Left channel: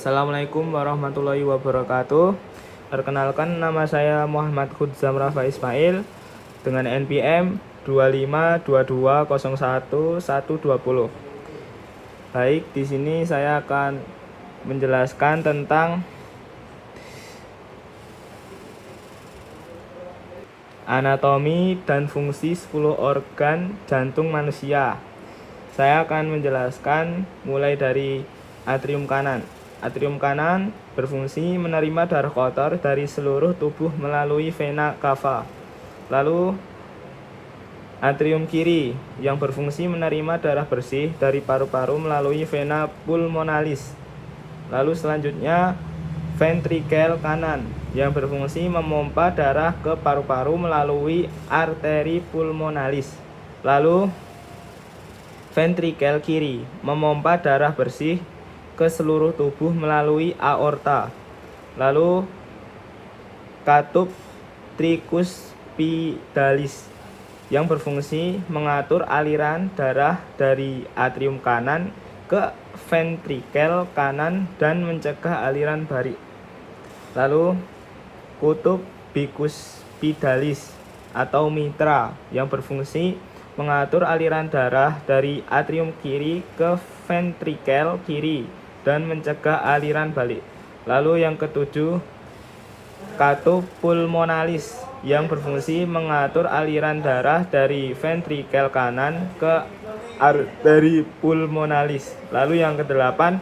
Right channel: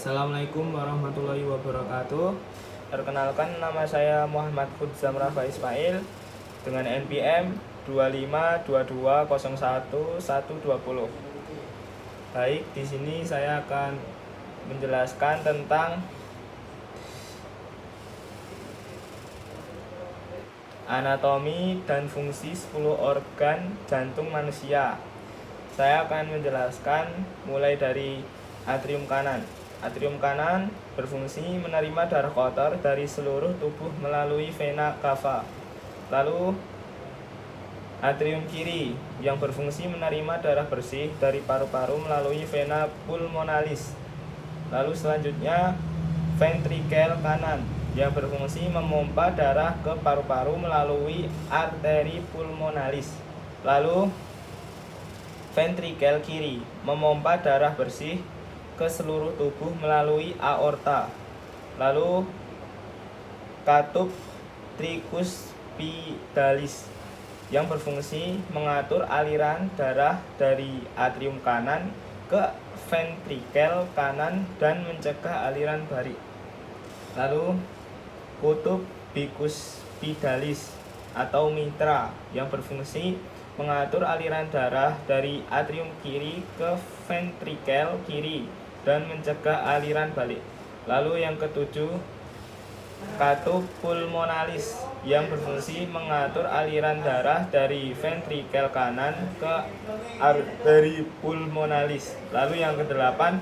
Assalamualaikum warahmatullahi wabarakatuh. Perkenalkan, nama saya Muhammad Khudzam Rafa Ismail dengan NPM 2522011120. Baik, di sini saya akan menjelaskan tentang anatomi dan fungsi 10 organ jantung manusia. Saya akan menjelaskan mulai dari atrium kanan. Atrium kanan berfungsi menerima darah kotor dari seluruh tubuh melalui vena cava. Lalu atrium kiri yang berfungsi menerima darah bersih dari paru-paru melalui vena pulmonalis. Lalu selanjutnya ventrikel kanan yang berfungsi memompa darah ke paru-paru melalui arteri pulmonalis. Lalu ventrikel kiri memompa darah bersih ke seluruh tubuh melalui aorta. Lalu katup tricuspidalis yang berfungsi mengatur aliran darah dari atrium kanan ke ventrikel kanan dan mencegah aliran balik. Lalu kutub bicuspidalis atau mitra yang berfungsi mengatur aliran darah dari atrium kiri ke ventrikel kiri dan mencegah aliran balik. Lalu yang ketujuh, katup pulmonalis yang berfungsi mengatur aliran darah dari ventrikel kanan ke arteri pulmonalis. Lalu yang kedelapan,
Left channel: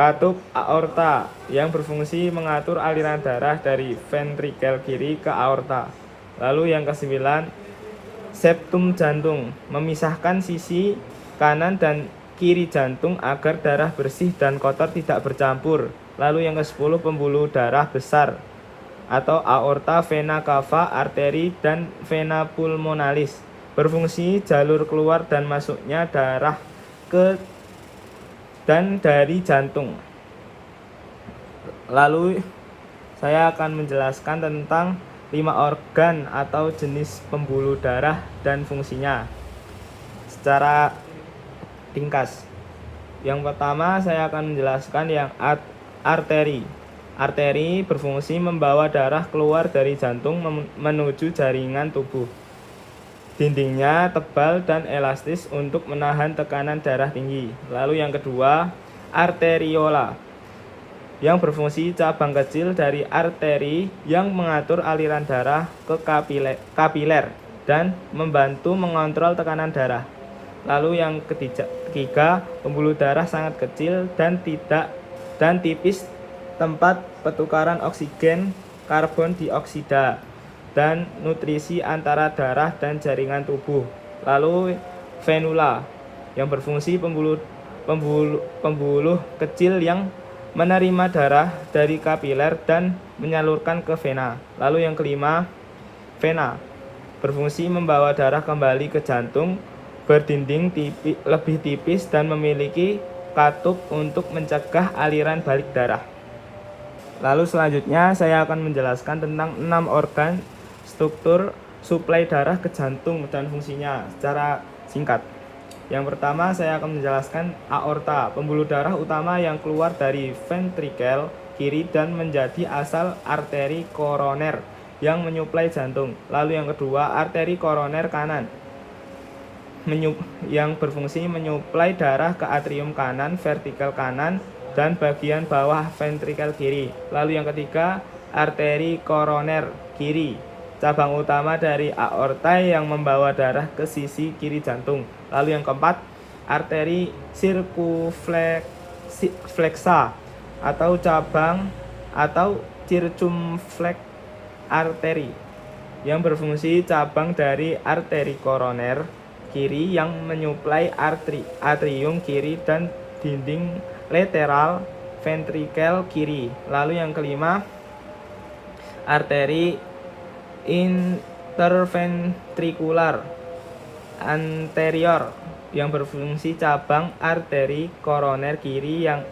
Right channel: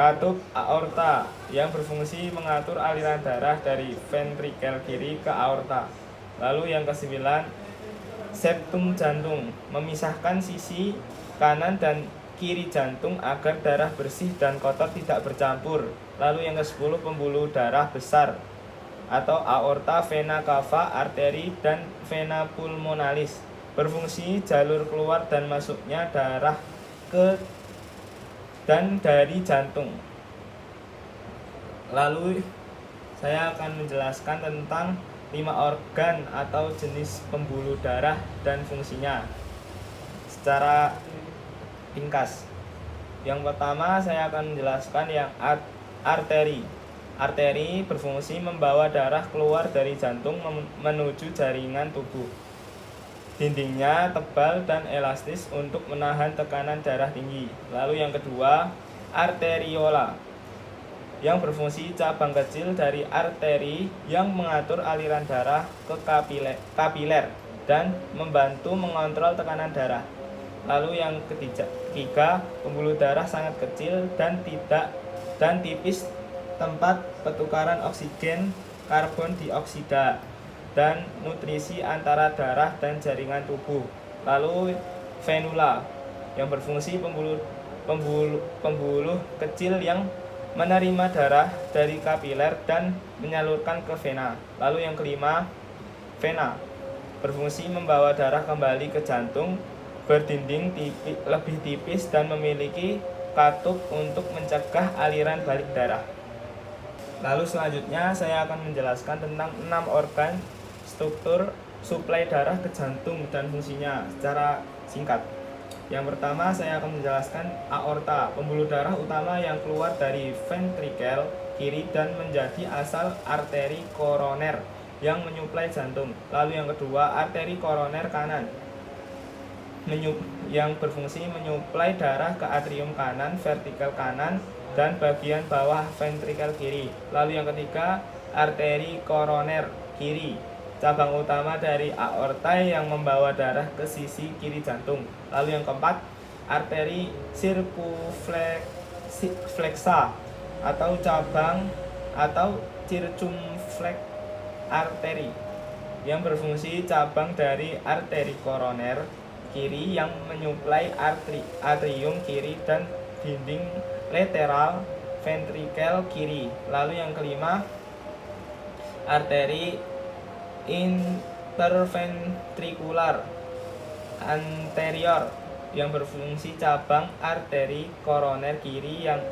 katup aorta yang berfungsi mengatur aliran darah dari ventrikel kiri ke aorta. Lalu yang kesembilan, septum jantung memisahkan sisi kanan dan kiri jantung agar darah bersih dan kotor tidak bercampur. Lalu yang ke-10, pembuluh darah besar atau aorta, vena cava, arteri, dan vena pulmonalis berfungsi jalur keluar dan masuknya darah ke dan dari jantung. Lalu saya akan menjelaskan tentang 5 organ atau jenis pembuluh darah dan fungsinya secara ringkas. Yang pertama saya akan menjelaskan yang arteri. Arteri berfungsi membawa darah keluar dari jantung menuju jaringan tubuh. Dindingnya tebal dan elastis untuk menahan tekanan darah tinggi. Lalu yang kedua, arteriola yang berfungsi cabang kecil dari arteri yang mengatur aliran darah ke kapiler dan membantu mengontrol tekanan darah. Lalu yang ketiga, pembuluh darah sangat kecil dan tipis, tempat pertukaran oksigen, karbon dioksida, dan nutrisi antara darah dan jaringan tubuh. Lalu venula yang berfungsi pembuluh kecil yang menerima darah dari kapiler dan menyalurkan ke vena. Lalu yang kelima, vena berfungsi membawa darah kembali ke jantung, berdinding lebih tipis dan memiliki katup untuk mencegah aliran balik darah. Lalu selanjutnya saya akan menjelaskan tentang 6 organ struktur suplai darah ke jantung dan fungsinya secara singkat. Yang pertama saya akan menjelaskan aorta, pembuluh darah utama yang keluar dari ventrikel kiri dan menjadi asal arteri koroner yang menyuplai jantung. Lalu yang kedua, arteri koroner kanan yang berfungsi menyuplai darah ke atrium kanan, vertikel kanan, dan bagian bawah ventrikel kiri. Lalu yang ketiga, arteri koroner kiri, cabang utama dari aorta yang membawa darah ke sisi kiri jantung. Lalu yang keempat, arteri circumflexa atau cabang atau circumflex arteri yang berfungsi cabang dari arteri koroner kiri yang menyuplai atrium kiri dan dinding lateral ventrikel kiri. Lalu yang kelima, arteri interventrikular anterior yang berfungsi cabang arteri koroner kiri yang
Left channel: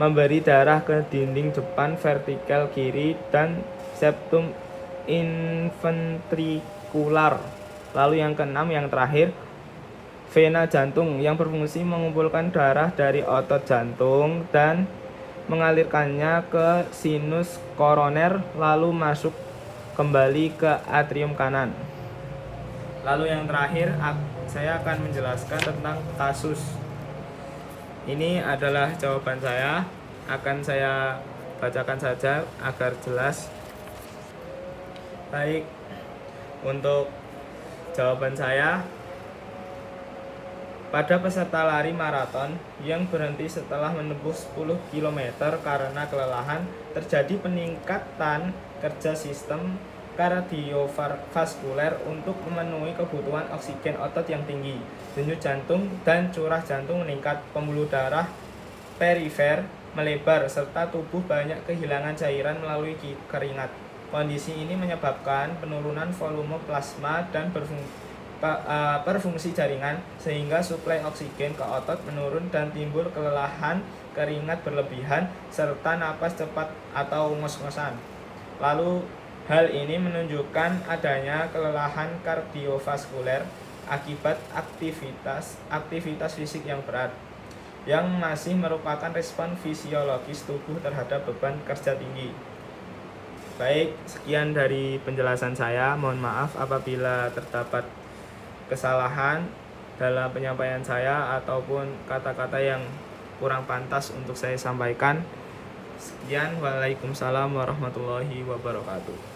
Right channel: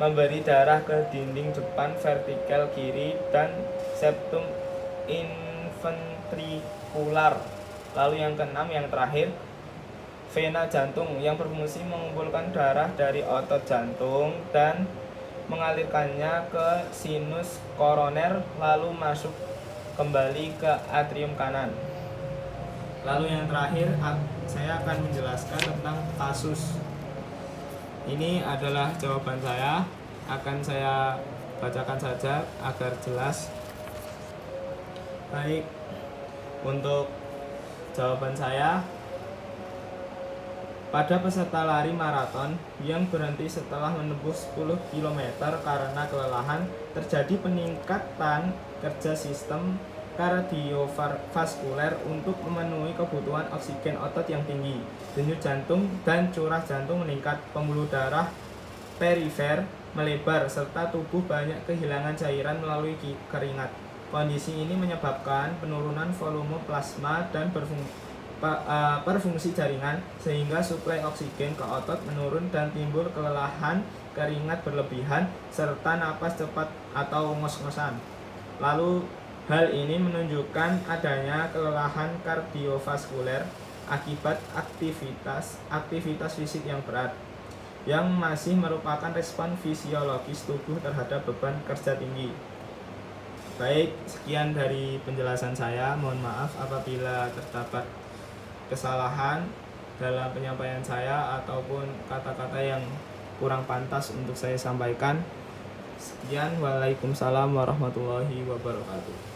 memberi darah ke dinding depan vertikel kiri dan septum inventrikular. Lalu yang keenam, yang terakhir, vena jantung yang berfungsi mengumpulkan darah dari otot jantung dan mengalirkannya ke sinus koroner lalu masuk kembali ke atrium kanan. Lalu yang terakhir saya akan menjelaskan tentang kasus. Ini adalah jawaban saya, akan saya bacakan saja agar jelas. Baik, untuk jawaban saya, pada peserta lari maraton yang berhenti setelah menempuh 10 km karena kelelahan, terjadi peningkatan kerja sistem kardiovaskuler untuk memenuhi kebutuhan oksigen otot yang tinggi. Denyut jantung dan curah jantung meningkat, pembuluh darah perifer melebar, serta tubuh banyak kehilangan cairan melalui keringat. Kondisi ini menyebabkan penurunan volume plasma dan perfungsi jaringan, sehingga suplai oksigen ke otot menurun dan timbul kelelahan, keringat berlebihan, serta napas cepat atau ngos-ngosan. Lalu hal ini menunjukkan adanya kelelahan kardiovaskuler akibat aktivitas fisik yang berat, yang masih merupakan respon fisiologis tubuh terhadap beban kerja tinggi. Baik, sekian dari penjelasan saya. Mohon maaf apabila terdapat kesalahan dalam penyampaian saya ataupun kata-kata yang kurang pantas untuk saya sampaikan. Sekian, waalaikumsalam warahmatullahi wabarakatuh.